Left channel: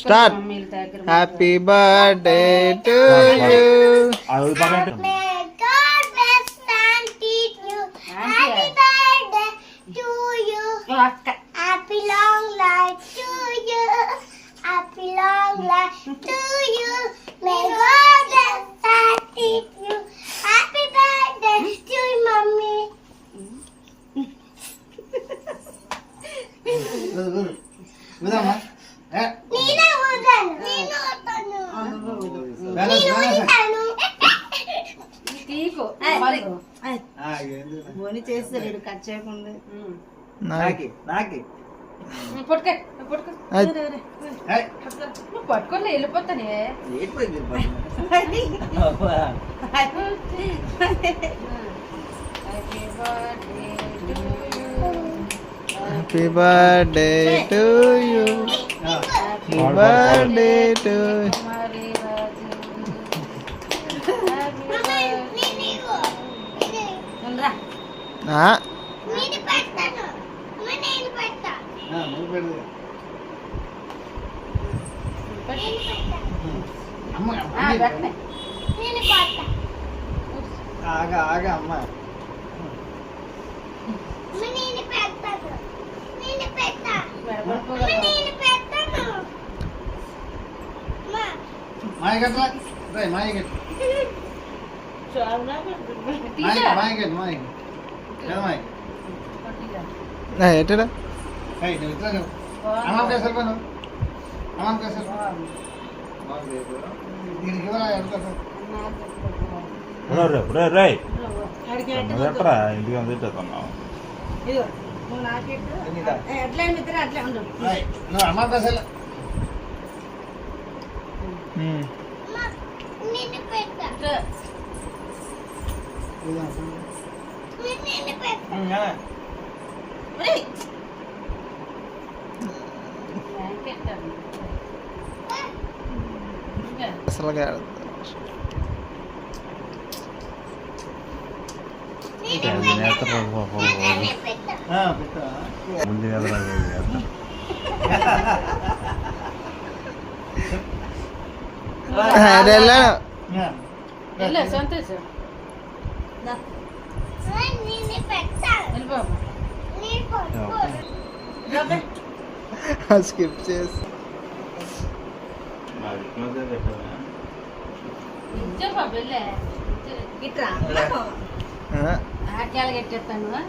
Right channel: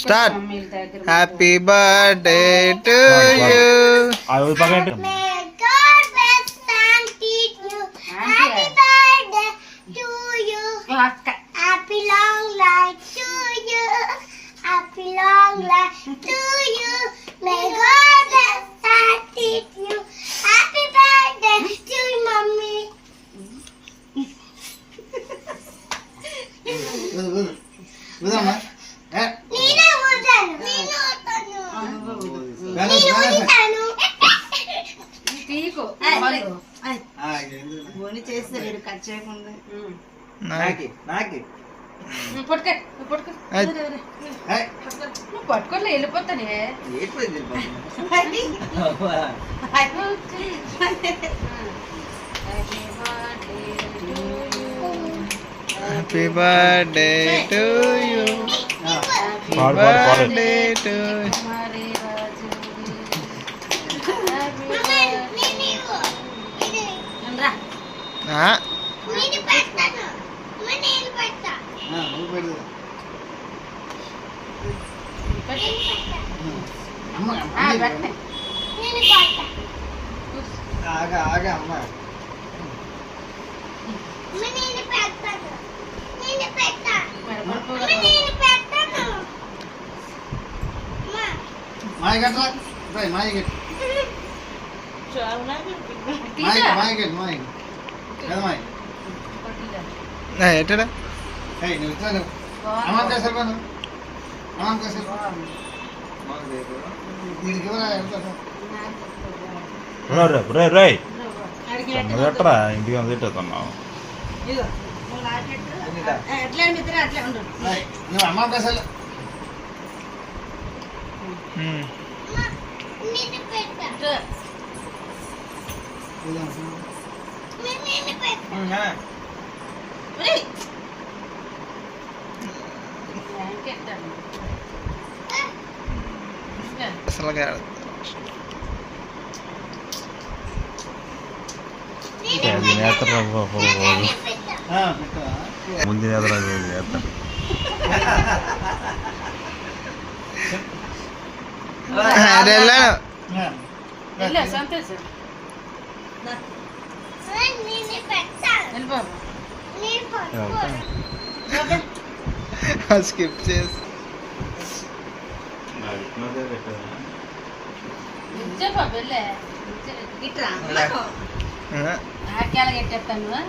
Start. Happy birthday to you. Happy long life to you. Happy long life to you. May God bless and keep you. Happy birthday to you, mommy. చేస్తాడు cut చేయకుండా పట్టుకోలే వెళ్ళిపోతానే. Happy birthday to you. Happy birthday to ఆగా ఆగా అమ్మ. ఎట్టడా ఇంటికి తిట్టుతున్నావు. అసలు ముందు స్కిప్ చేసి ఎట్టేస్తాను